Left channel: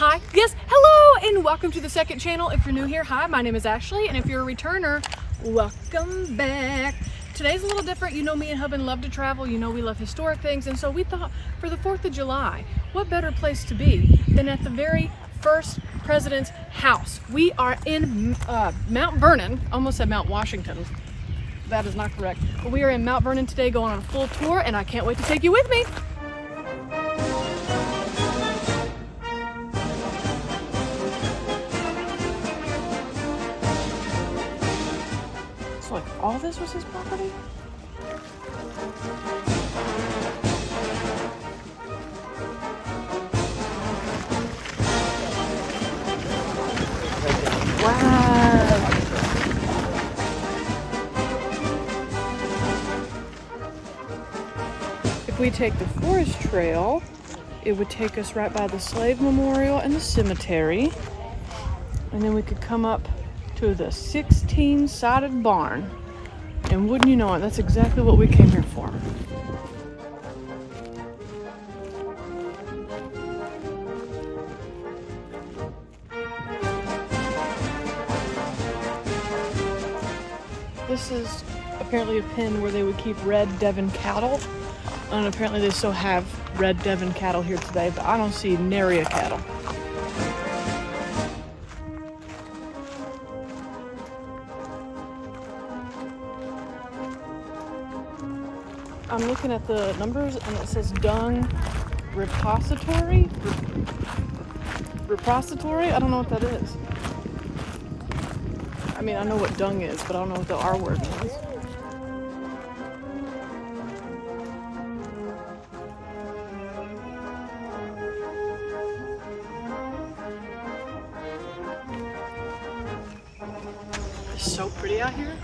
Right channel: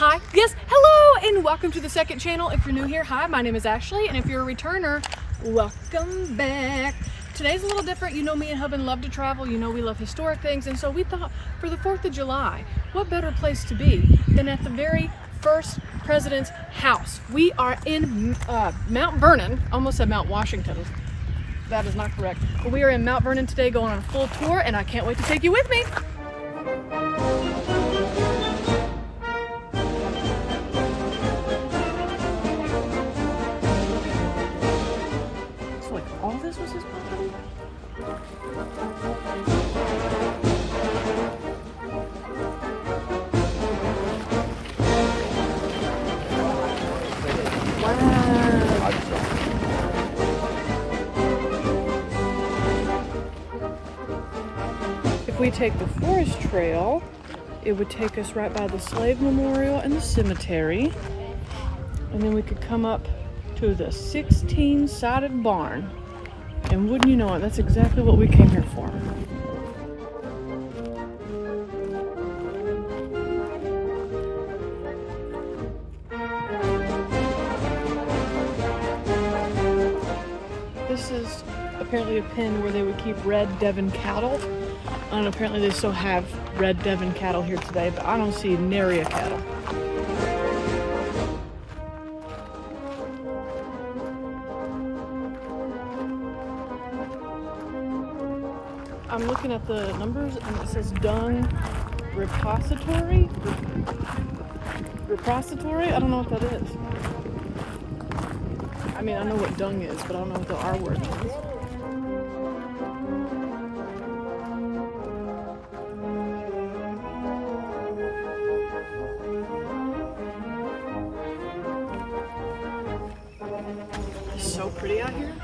Hi, yes, hello, and welcome to the second channel. If you're new here, hi, my name is Ashley, and if you're a returner, welcome back. Today's a little different. You know me and husband love to travel. You know we love historic things, and so we thought for the 4th of July, what better place to be than at the very first president's house. We are in Mount Vernon, almost said Mount Washington. That is not correct. But we are in Mount Vernon today going on a full tour, and I can't wait to take you with me. So all this was his property? Wow. If we take the forest trail, it would take us right by the slave memorial and the cemetery. And then we could come up to the 16-sided barn. And wouldn't you know it, that's exactly what we came here for. This is apparently a pen where they would keep red Devon cattle. And apparently they still have red Devon cattle here today, but I don't see nary a cattle. I'm looking at the numbers and it says dung repository. Repository? I don't know what that is. I mean, I know what dung is, but I don't know what the R word means. It's so pretty out here.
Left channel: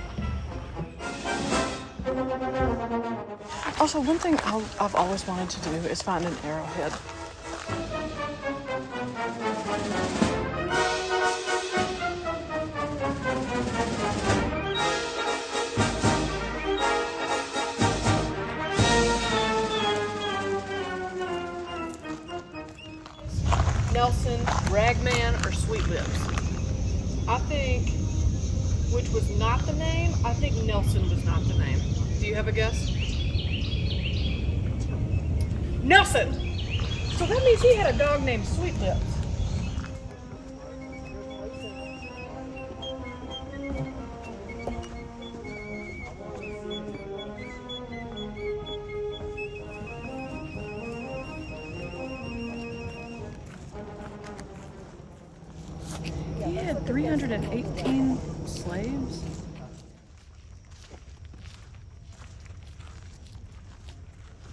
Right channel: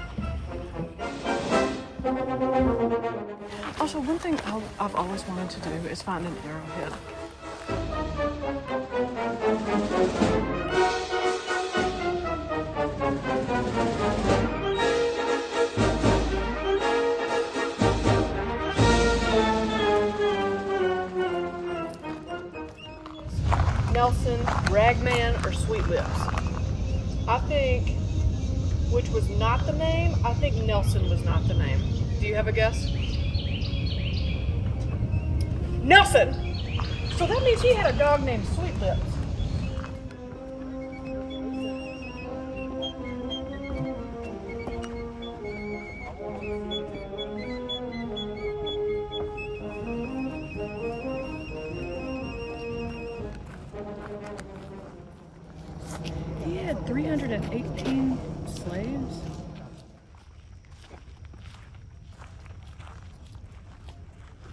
Also, one thing I've always wanted to do is find an arrowhead. Nelson, Ragman, or Sweet Lips. I think, which was not the name, I think Nelson was not the name. Do you have a guess? Nelson! So that means he had a dog named Sweet Lips. He had 318 slaves.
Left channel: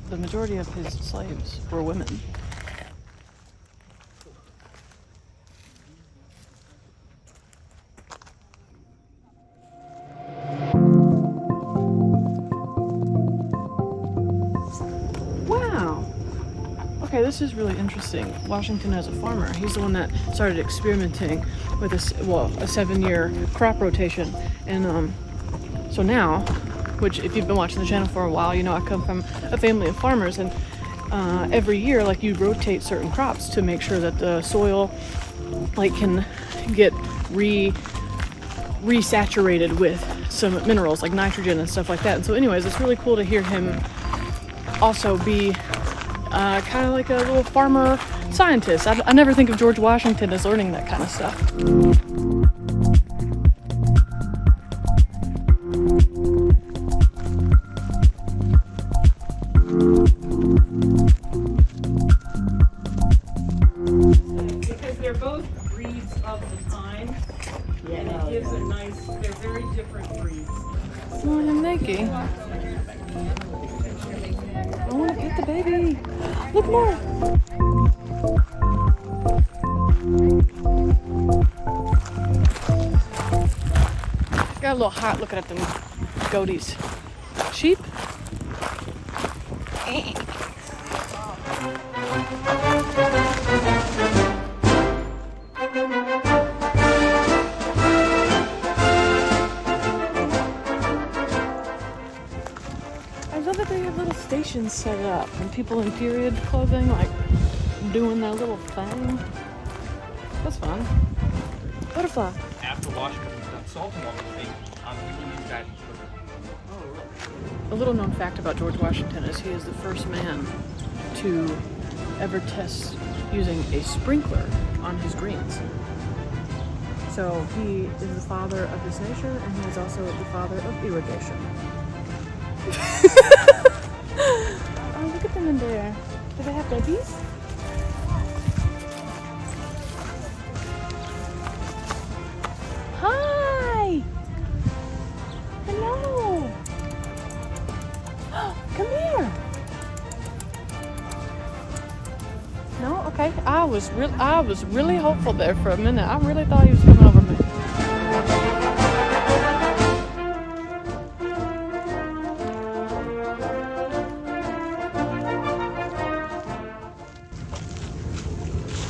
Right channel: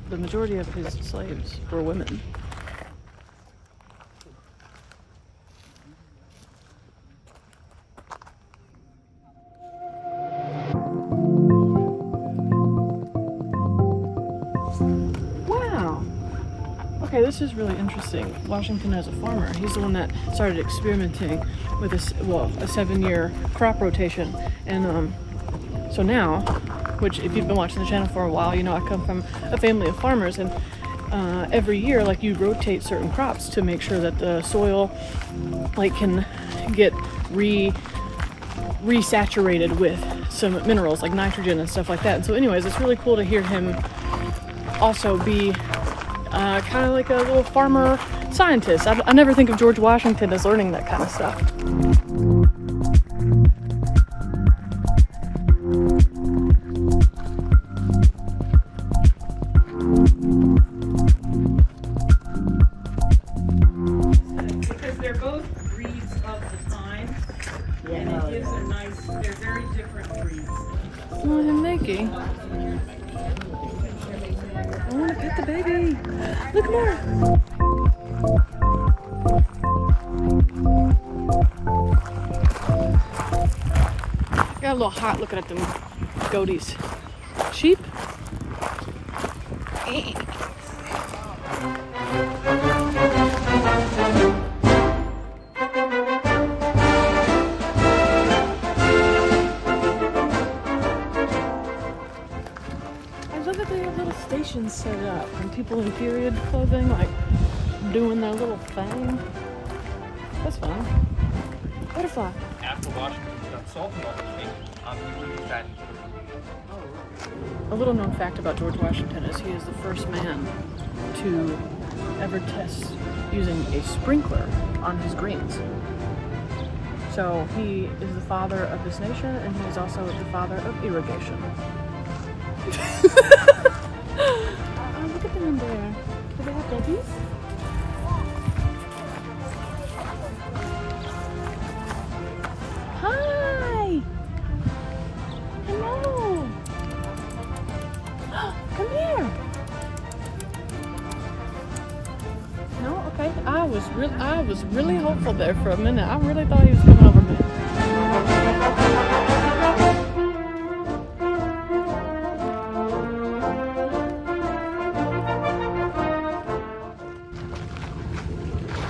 The majority of his slaves were women. Wow. Okay, this is really interesting. Washington as a farmer, he's the one that started experimenting with a 7-year crop rotation. And so now, which if you've been watching the channel for a while, you know I come from a family of farmers, and every year, like, you rotate certain crops to make sure that the soil, like, can get resaturated with some minerals like nitrogen and stuff like that. And so anyways, it's really cool to hear him also be kind of like a little farmer scientist. I never think of George Washington as learning that kind of stuff. Because they're both breeds of the time, and it gives a nice, they're very different breeds. Oh, I'm naked. I want to pet the baby. Look more. Got a little hot looking at them goaties. Sheep? stations set up and people in period clothing like doing their little thing. That's fun. Butterfly. After Washington's done salting all the things, he will use that in cooking. A little known fact about George Washington is he is the first man to ever test using a sprinkler on his greens. So he is the father of this nation, and he is also the father of irrigation. Oh, look at them in there. Do they have babies? Hi! Hello! Come here! No? Okay. I was really hopeful there for a minute. I really thought he was coming over me.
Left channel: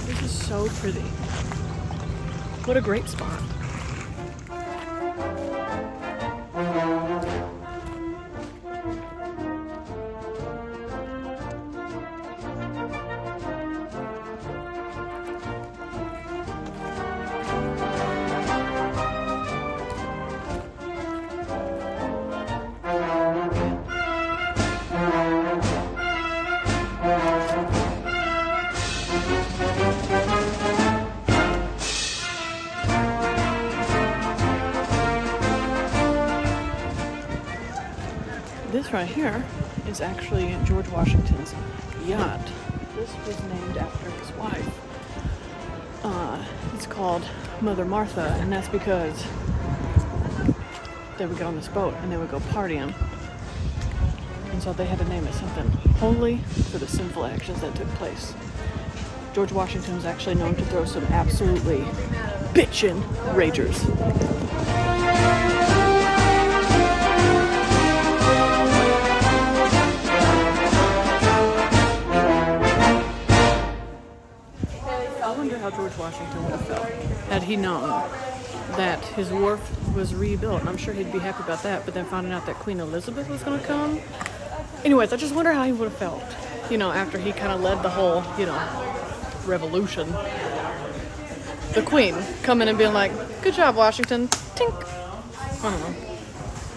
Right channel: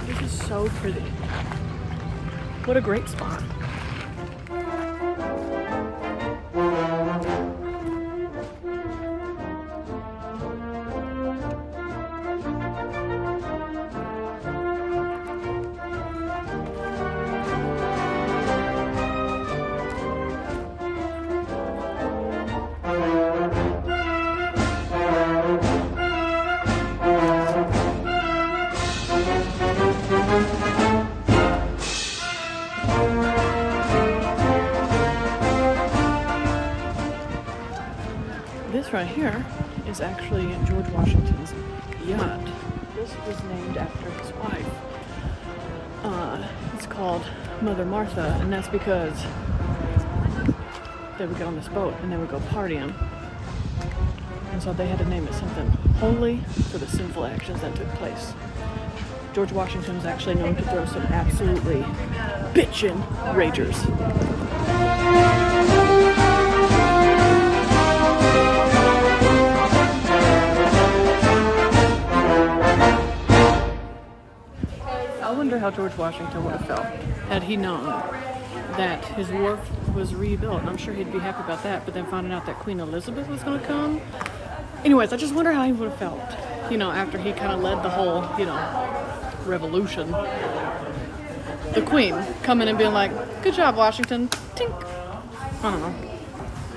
This is so pretty. What a great spot. This right here is actually George Washington's yacht. This was named after his wife. It's called Mother Martha, and that's because they would get on this boat and they would go partying. And so they had to name it something holy for the sinful actions that took place. George Washington was actually known to throw some absolutely bitchin' ragers. I wonder how George Washington would have felt had he known that his wharf was rebuilt. And I'm sure he'd be happy about that, but then finding out that Queen Elizabeth was going to come. Anyways, I just wonder how he would have felt, you know, after he kind of led the whole, you know, revolution. The Queen coming and being like, good job, Washington. Tink. I don't know.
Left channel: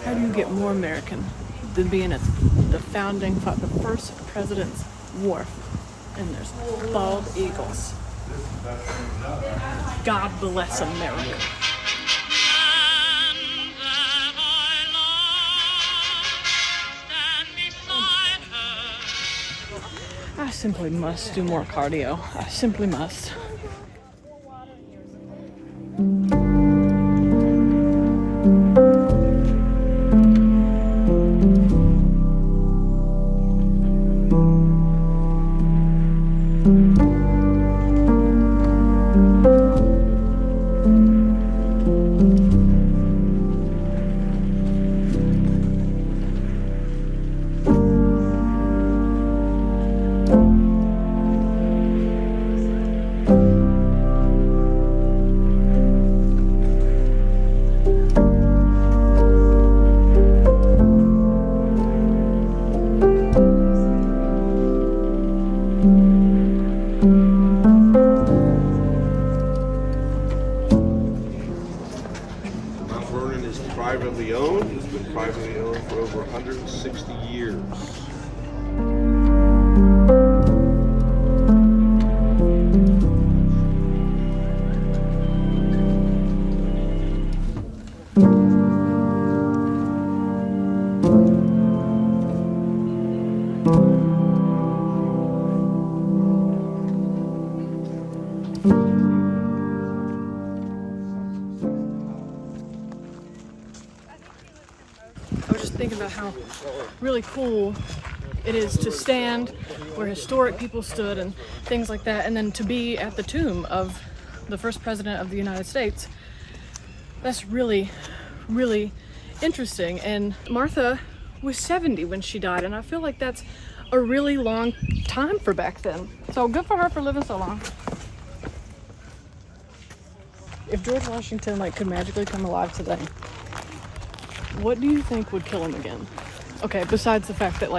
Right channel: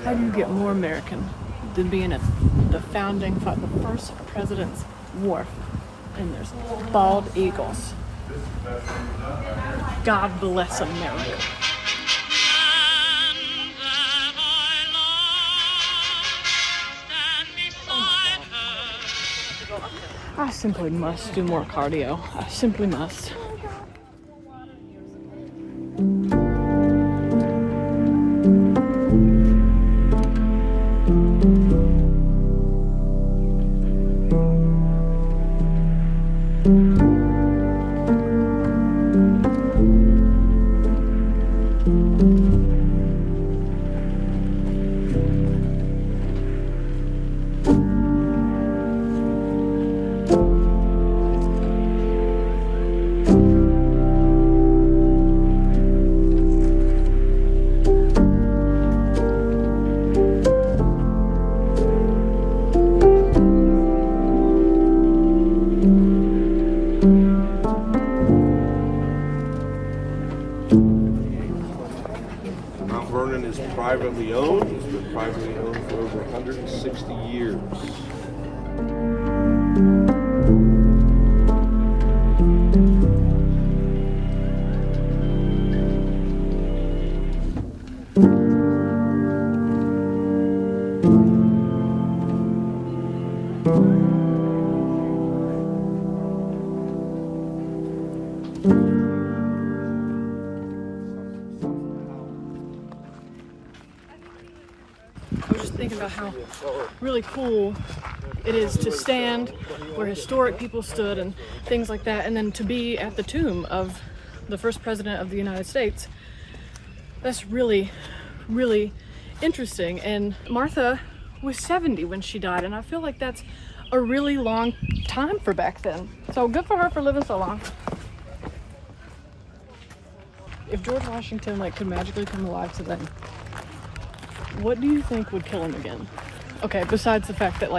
How do you get more American than being at the first president's wharf? And there's bald eagles. God bless America. I simply must do more cardio. I simply must. Mount Vernon is privately owned. It's been privately owned for over 160 years. I was just thinking about how really cool it is to stand where historic people stood and things like that, and then to be at the tomb of the first president of the United States. That's really, really interesting. And Martha was 70 when she died, and I feel like that's a really long time for back then. So good for her for living so long. If George Washington could magically come alive today, what do you think would kill him again? Okay, besides the fact that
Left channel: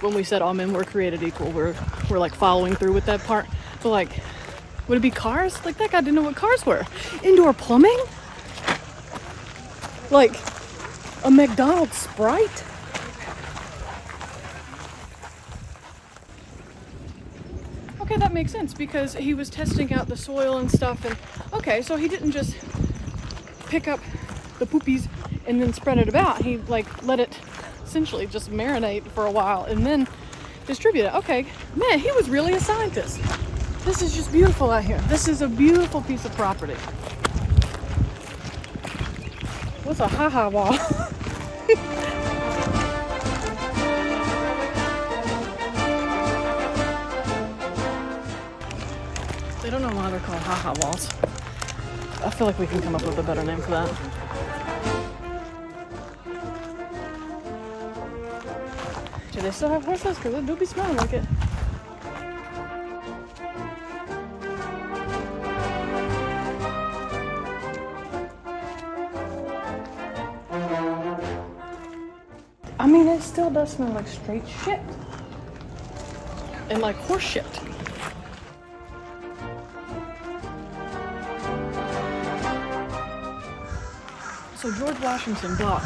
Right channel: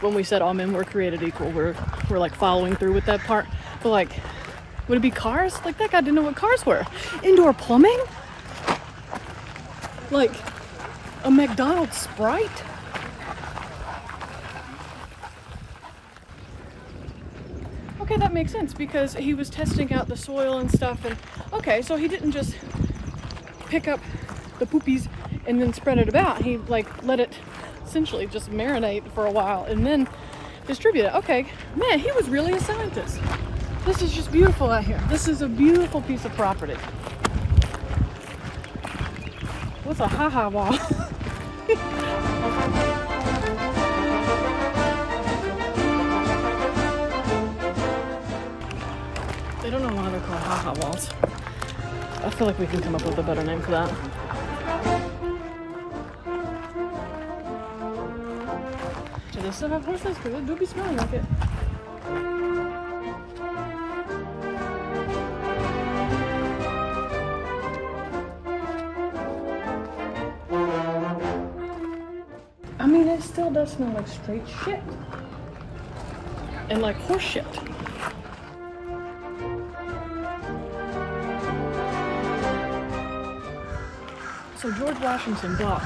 when we said all men were created equal, we're following through with that part. But Would it be cars? Like, that guy didn't know what cars were. Indoor plumbing? Like a McDonald's Sprite? Okay, that makes sense because he was testing out the soil and stuff. And okay, so he didn't just pick up the poopies and then spread it about. He like let it essentially just marinate for a while and then distribute it. Okay, man, he was really a scientist. This is just beautiful out here. This is a beautiful piece of property. What's a ha-ha wall? They don't know why they're called ha-ha walls. I feel like we can come up with a better name for that. Do they still have horses? Because it do be smelling like it. I mean, it still does smell like straight shit. And like horse shit. So George Washington bought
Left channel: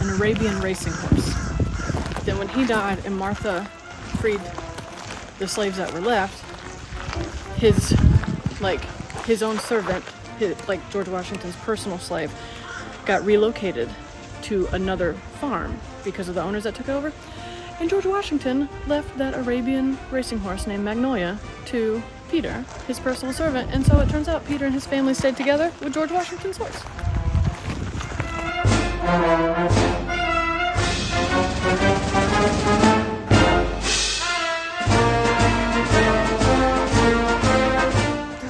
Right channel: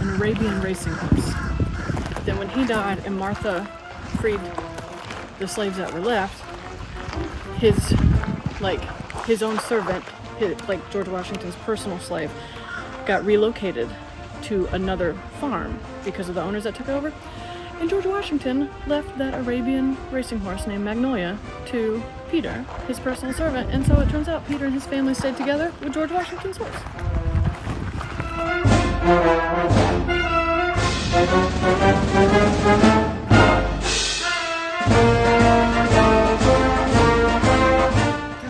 an Arabian racing horse. Then when he died and Martha freed the slaves that were left, his own servant, like George Washington's personal slave, got relocated to another farm because of the owners that took over. And George Washington left that Arabian racing horse named Magnolia to Peter, his personal servant. And so it turns out Peter and his family stayed together with George Washington's horse.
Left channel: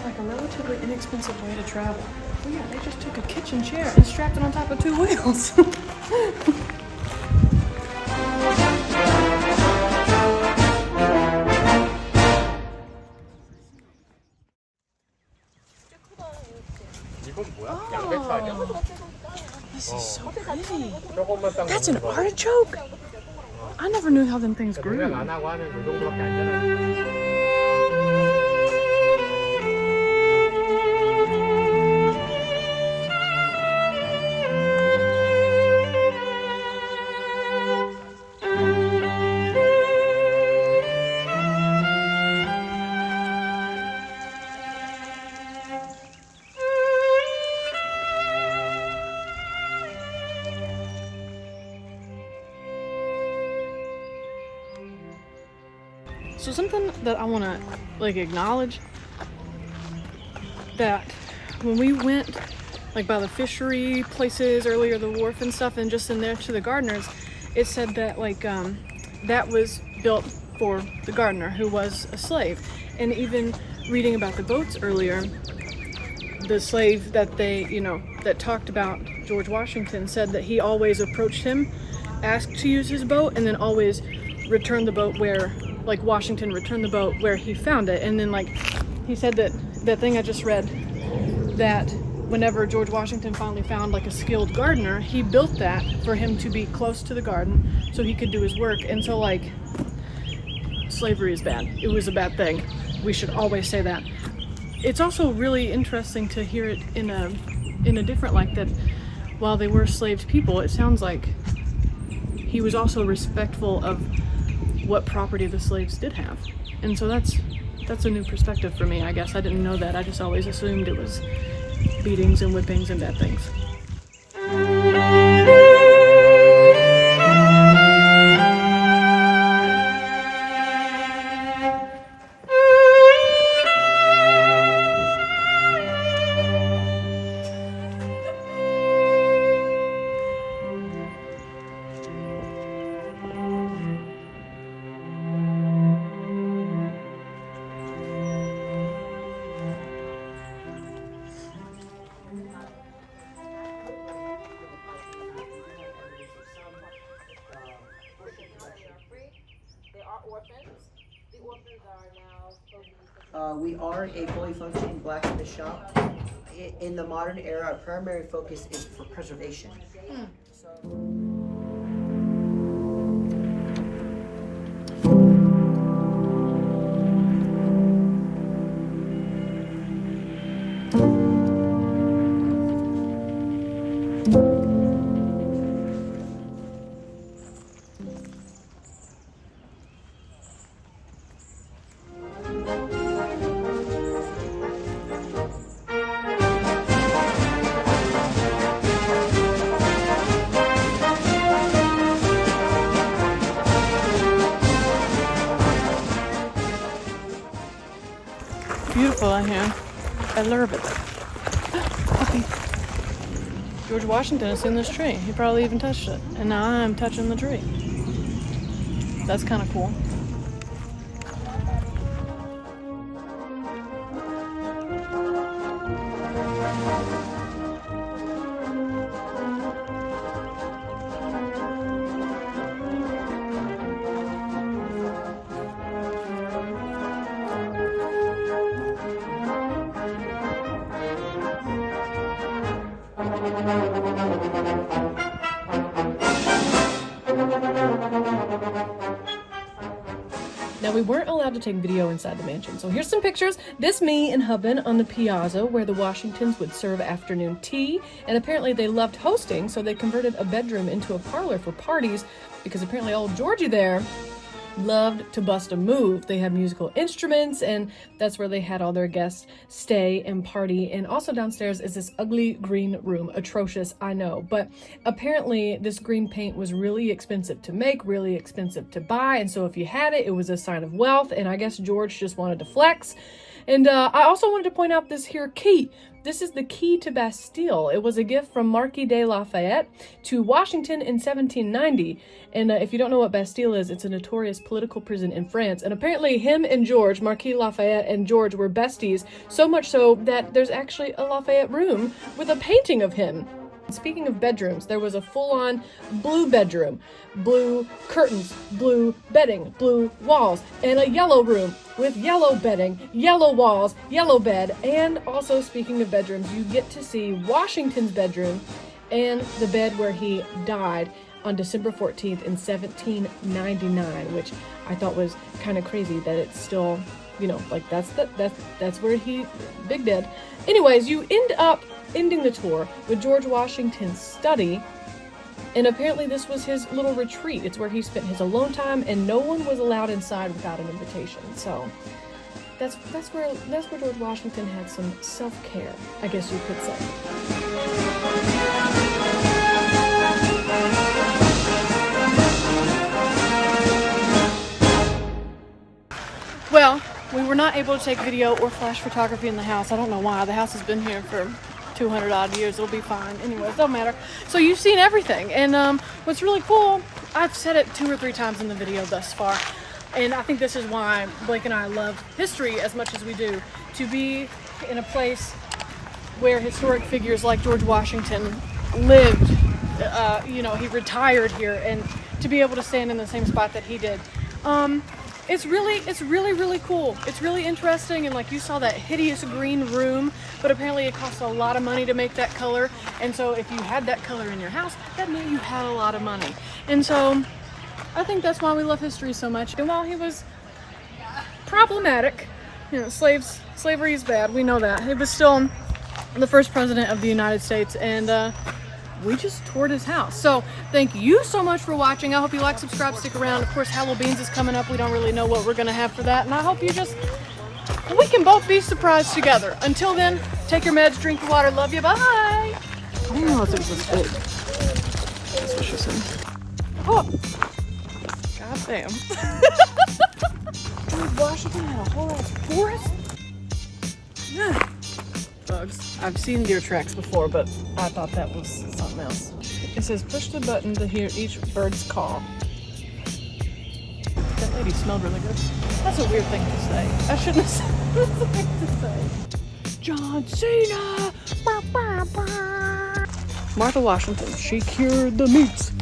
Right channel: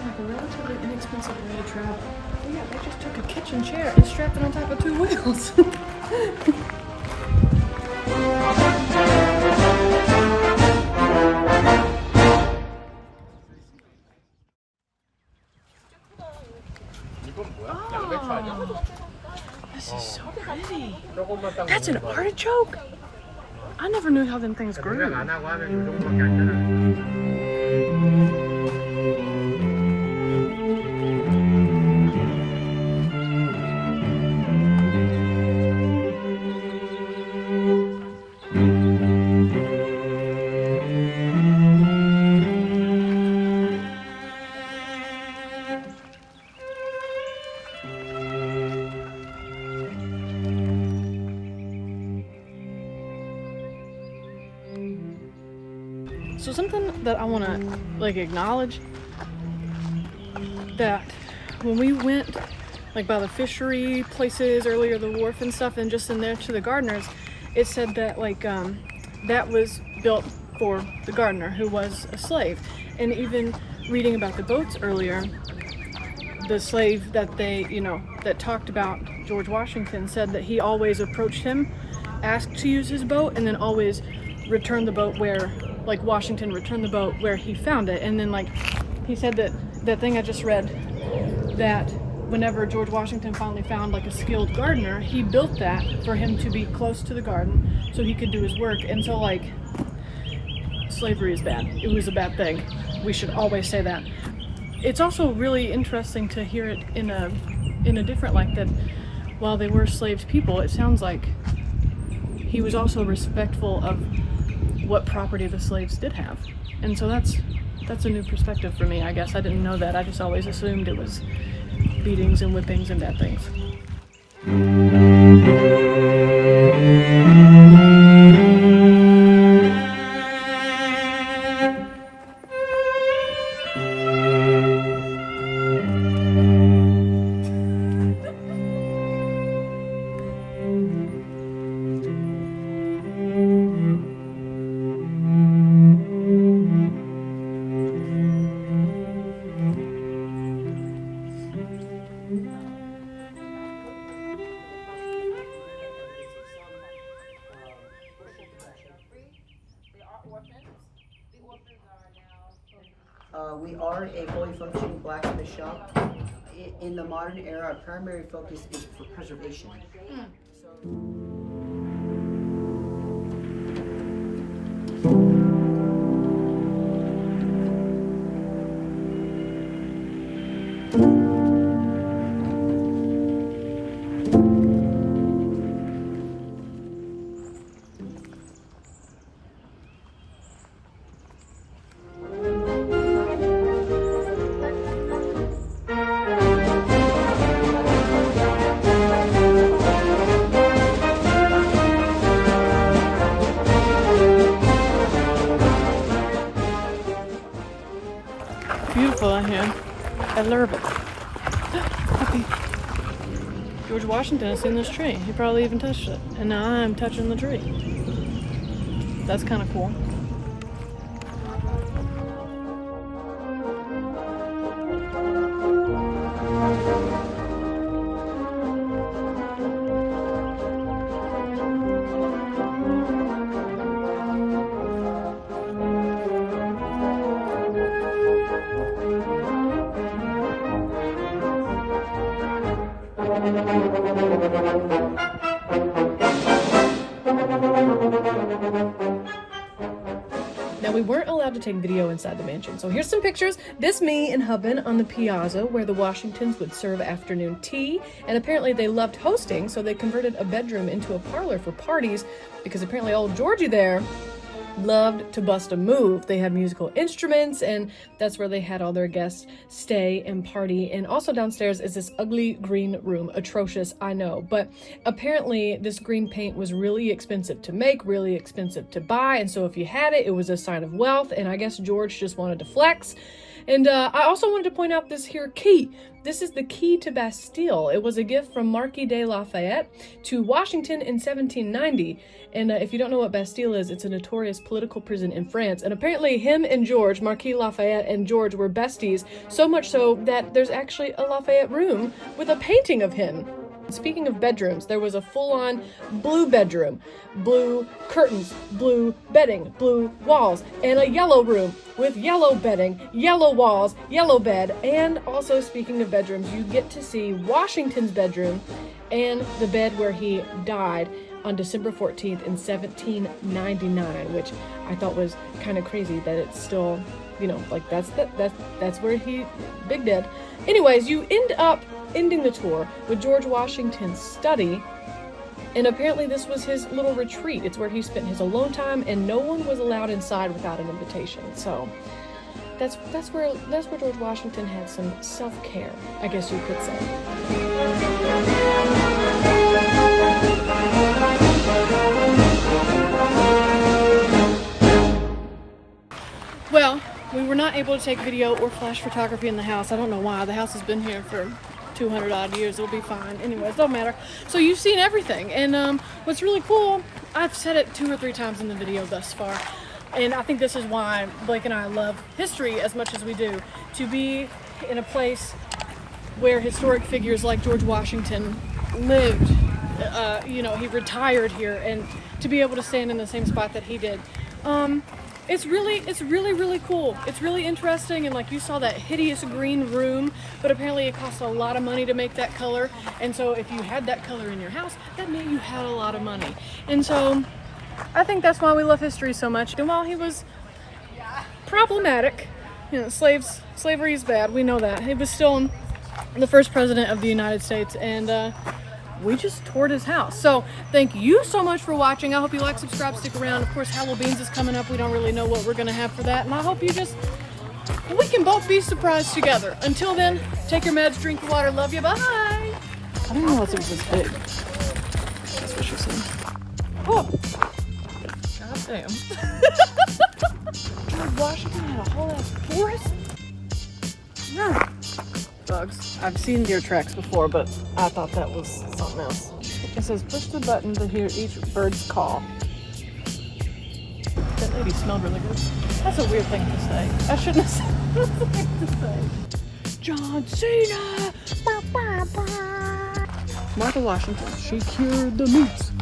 Like a relatively inexpensive way to travel. But yeah, they just took a kitchen chair and strapped it on top of two wheels. Oh, this is so pretty. That's an artichoke? I never knew how them things grew. So something that I want to like acknowledge, that when we went like by the fishery places earlier, the wharf and stuff, and just in there to the gardeners, it said that like that was built for the gardener who was a slave. And even reading about the boats earlier, the slave that they, that talked about George Washington said that he always approached him, asked to use his boat, and then always returned the boat where, like Washington returned the boat where he found it. And then like he said that thing I just read, that whenever George Washington finally found like a skilled gardener, he built that for him to be close to the garden so he could do his work. And so like slavery is bad. It was a bad thing. We should always say that. It's also really interesting to hear it in a different light, that while they were enslaved people, it sounds like he was also respectful of what property the slaves did have. And so that's a new perspective for me, I guess. I didn't know that. I just always assumed it was beatings and whippings and bad things. We are a fully functioning blacksmith shop. In the modern era, our primary focus is for preservation. beautiful in here. I love it. Puppy. George Washington has seen this tree. He probably even touched it. And now I'm touching the tree. That's kind of cool. Now, we weren't allowed to take video inside the mansion, so here's some pictures. This me and husband on the piazza where the Washingtons would serve afternoon tea, and apparently they loved hosting, so they converted a bedroom into a parlor for parties because apparently old Georgie there loved to bust a move. They had musical instruments, and that's where they had all their guests stay and party. And also downstairs is this ugly green room. Atrocious, I know, but apparently this green paint was really expensive to make, really expensive to buy, and so if you had it, it was a sign of wealth, and I guess George just wanted to flex. And I also wanted to point out this here key. This is the key to Bastille. It was a gift from Marquis de Lafayette to Washington in 1790. And if you don't know what Bastille is, it's a notorious political prison in France. And apparently him and George, Marquis Lafayette and George, were besties, so much so that there's actually a Lafayette room with a painting of him. Speaking of bedrooms, there was a full-on blue bedroom, blue curtains, blue bedding, blue walls, and a yellow room with yellow bedding, yellow walls, yellow bed. And also, speaking of bedrooms, you get to see Washington's bedroom and the bed where he died on December 14th in 1799, which I thought was kind of crazy that it's still, you know, like that's where he big dead. Anyways, you end up ending the tour with George Washington's study, and apparently this was his little retreat. It's where he spent his alone time, and no one was allowed inside without an invitation. So that's where George Washington had some self-care, I guess you could say. Well, we were not able to take video or flash photography in the house. I don't know why. The house has been here for 200 odd years. It'll be fine. Anyways, don't matter. So you've seen everything. And what's really cool, I've said it 2 or 3 times in the video thus far, and I think this is why Blake and I love history as much as we do, to be in a place where historic figures like George Washington lived. You know, he retired here, and to be able to stand in the same spot that he did. It's really cool. It's really interesting, and like you saw that hideous green room, but apparently it costs a lot of money to make that color, and so if you had that color in your house, that meant you had a lot of money. And so I think that's why we love history so much. And while he was problematic, you know, slavery is bad, we know that. He was still the first president of the United States, and we just toured his house. So thank you so much for watching. I hope you like, subscribe, stick around. Of course, Halloween's is coming up. We don't really know what we're gonna have for that, and I hope we can both be surprised together. Until then, take your meds, drink your water, love you, bye. I didn't realize it was this big. That's what she said. Oh, god damn. Washington had a whole ass forest? Yeah. Bugs. I've seen deer tracks before, but I thought that was something else. It says push the button to hear each bird's call. That lady smelled really good. That's a weird thing to say. I shouldn't have said that's the thing to say. John Cena! Martha Washington, she cured the meats.